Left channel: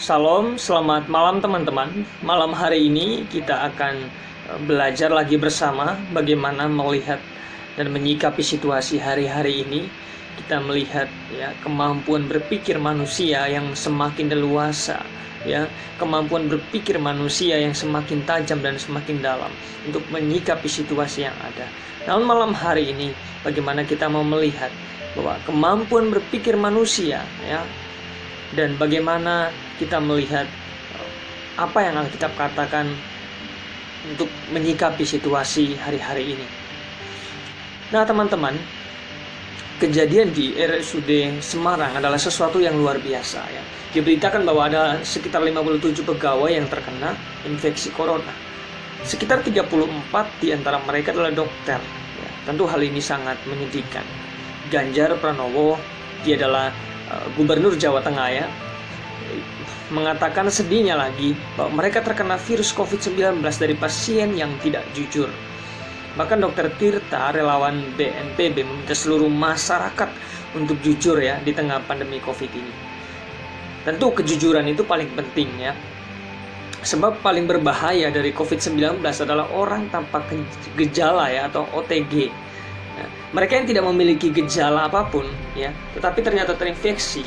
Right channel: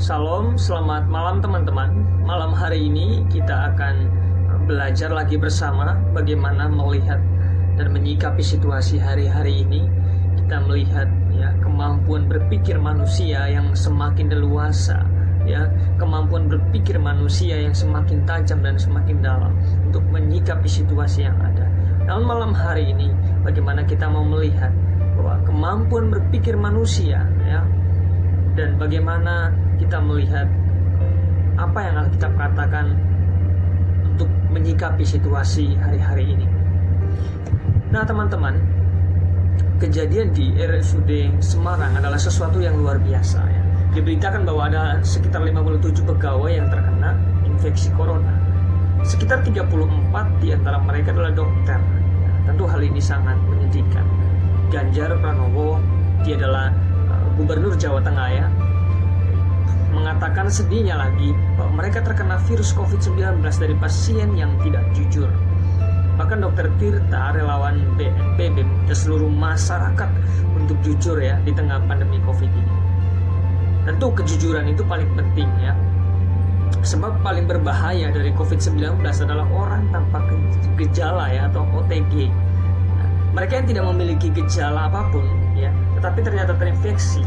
Shalom, selamat malam teman-teman. Malam hari ini kita akan belajar lagi bersama bagaimana melihat dan menyikapi situasi hari-hari ini. Kita melihat kemampuan berpikir manusia yang semakin leluasa, kemampuan berpikir manusia yang semakin tajam dan semakin dalam untuk menyikapi situasi yang ada. Namun malam hari ini bagaimana kita mau melihat bahwa kemampuan berpikir manusia dan bagaimana kita melihat apa yang Alkitab katakan untuk menyikapi situasi hari-hari ini. Nah teman-teman, kejadian di RSUD Semarang adalah sesuatu yang luar biasa. Diberitakan bahwa ada sekitar 57 pegawai yang terkena infeksi corona. Sekitar 34 di antara mereka adalah dokter. Tentu hal ini sangat menyedihkan. Ganjar Pranowo, dia adalah Gubernur Jawa Tengah mengatakan sedihnya lagi bahwa mereka terkena virus COVID-19 dari pasien yang tidak jujur. Bahkan Dr. Tirta, relawan BNPB, meminta seluruh masyarakat untuk jujur di tengah pandemi COVID ini. Tentu kejujuran itu paling penting sebab paling berbahaya dari COVID-19 adalah orang tanpa gejala atau OTG. Mereka yang tidak memiliki gejala apapun tetapi ternyata terinfeksi.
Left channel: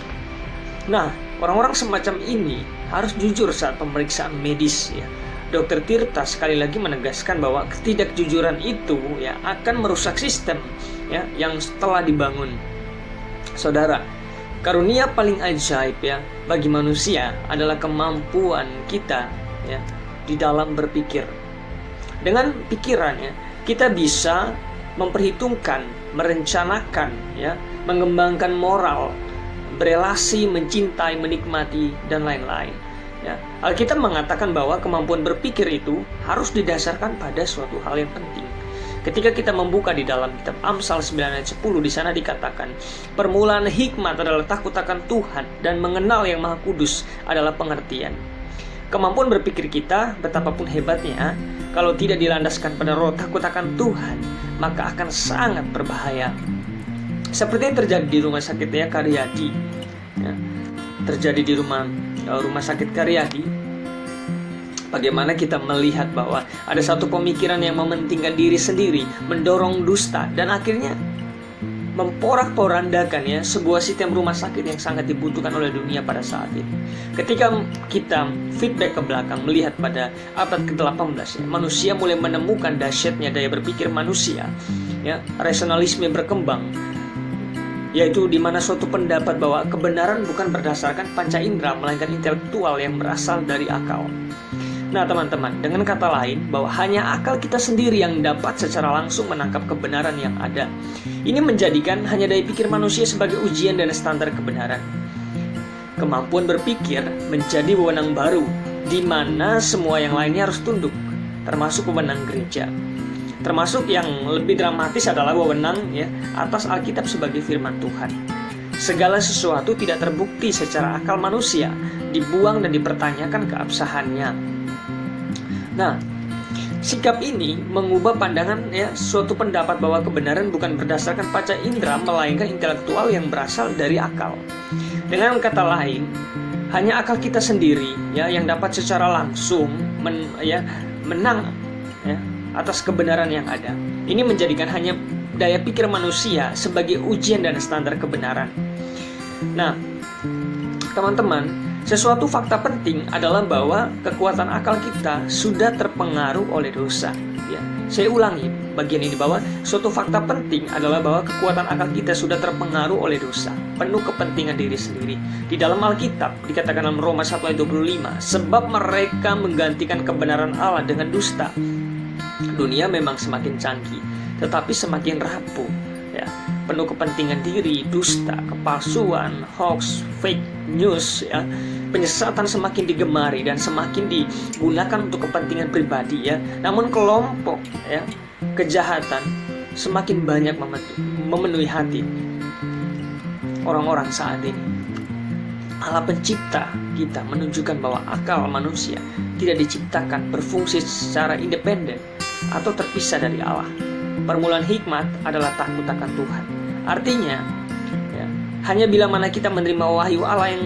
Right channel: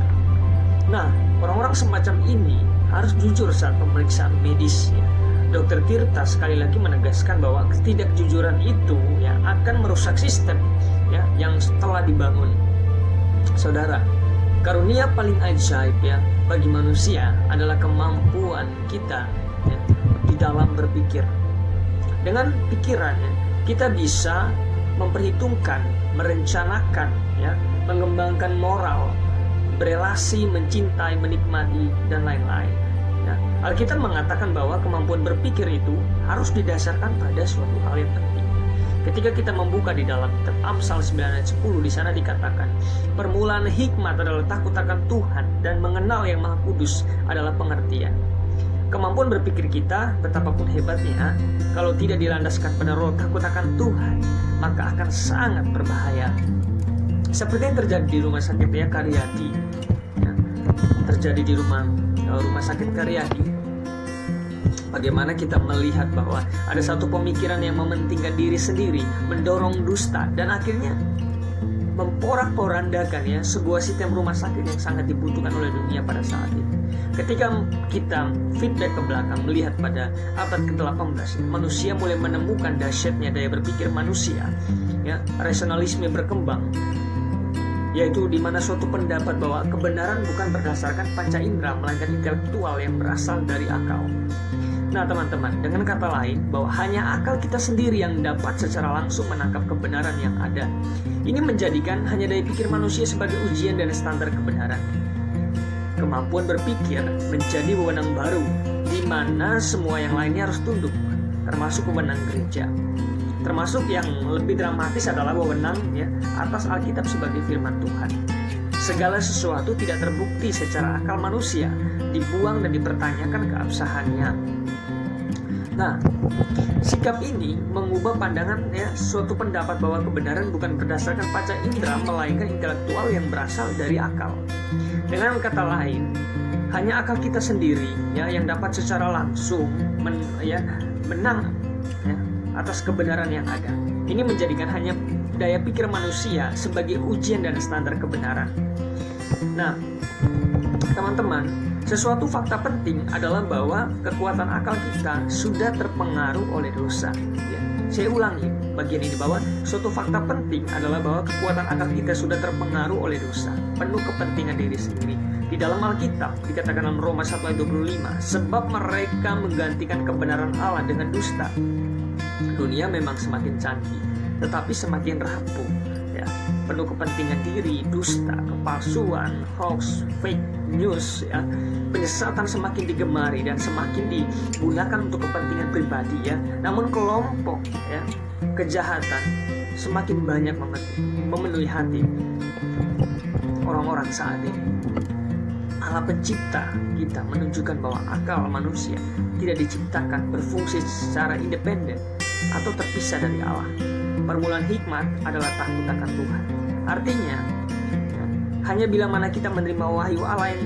Nah, orang-orang semacam ini harus jujur saat pemeriksaan medis. Dr. Tirta sekali lagi menegaskan bahwa ketidakjujuran itu akan merusak sistem yang telah dibangun. Saudara, karunia paling ajaib bagi manusia adalah kemampuan kita di dalam berpikir. Dengan pikirannya kita bisa memperhitungkan, merencanakan, mengembangkan moral, berelasi, mencintai, menikmati, dan lain-lain. Alkitab mengatakan bahwa kemampuan berpikir itu harus didasarkan pada suatu hal yang penting. Ketika kita membuka di dalam kitab Amsal 9 ayat 10, di sana dikatakan, permulaan hikmat adalah takut akan Tuhan, dan mengenal yang Maha Kudus adalah pengertian. Kemampuan berpikir kita, betapapun hebatnya, kalau tidak dilandaskan pada roh takut akan Tuhan, maka akan sangat berbahaya. Seperti yang terjadi di rumah sakit Karyadi, terjadi di rumah sakit Karyadi. Bagaimana kita melihat bahwa ada satu pemikiran yang mementingkan diri sendiri, mendorong dusta, dan akhirnya memporak-porandakan sebuah sistem rumah sakit yang sangat dibutuhkan oleh dunia pada saat ini. Ketika kita feedback ke belakang, melihat pada abad ke-18, manusia mulai menemukan dahsyatnya daya berpikir manusia, rasionalisme berkembang, yaitu di mana suatu pendapat bahwa kebenaran bukan berdasarkan panca indera, melainkan intelektual yang berasal dari akal. Nah teman-teman, dengan kata lain, bahwa hanya akal kita sendiri yang dapat secara langsung menangkap kebenaran yang ada. Ini menjadikan hanya daya pikir manusia sebagai ujian dan standar kebenaran. Kemampuan berpikir menjadi wewenang baru, di mana semua yang lainnya harus tunduk, termasuk wewenang gereja. Termasuk yang lebih dramatis adalah wewenang atas Alkitab sebagai firman Tuhan. Segala sesuatu tidak terbukti secara akal manusia, dibuang dan dipertanyakan keabsahannya. Nah, sikap ini mengubah pandangan suatu pendapat bahwa kebenaran bukan berdasarkan panca indera, melainkan intelektual yang berasal dari akal. Dengan kata lain, hanya akal kita sendiri yang dapat secara langsung menang atas kebenaran yang ada. Ini menjadikan hanya daya pikir manusia sebagai ujian dan standar kebenaran. Nah, teman-teman, sesuatu fakta penting adalah bahwa kekuatan akal kita sudah terpengaruh oleh dosa. Saya ulangi bagian ini, bahwa suatu fakta penting adalah bahwa kekuatan akal kita sudah terpengaruh oleh dosa, penuh kepentingan diri sendiri. Di dalam Alkitab dikatakan dalam Roma 1 ayat 25, sebab mereka menggantikan kebenaran Allah dengan dusta. Dunia memang semakin canggih, tetapi semakin rapuh. Penuh kepentingan diri, dusta, kepalsuan, hoax, fake news, penyesatan semakin digemari dan semakin digunakan untuk kepentingan pribadi. Namun kelompok kejahatan semakin banyak memenuhi hati orang-orang saat ini. Allah pencipta kita menunjukkan bahwa akal manusia tidak diciptakan berfungsi secara independen atau terpisah dari Allah. Permulaan hikmat adalah takut akan Tuhan. Artinya, hanya bila mana kita menerima wahyu Allah yang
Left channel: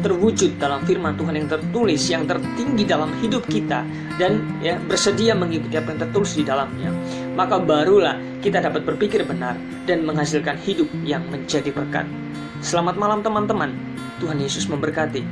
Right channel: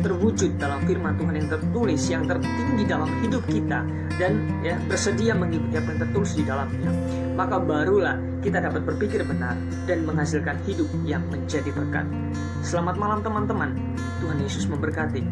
terwujud dalam firman Tuhan yang tertulis, yang tertinggi dalam hidup kita, dan bersedia mengikuti apa yang tertulis di dalamnya, maka barulah kita dapat berpikir benar dan menghasilkan hidup yang menjadi berkat. Selamat malam teman-teman. Tuhan Yesus memberkati.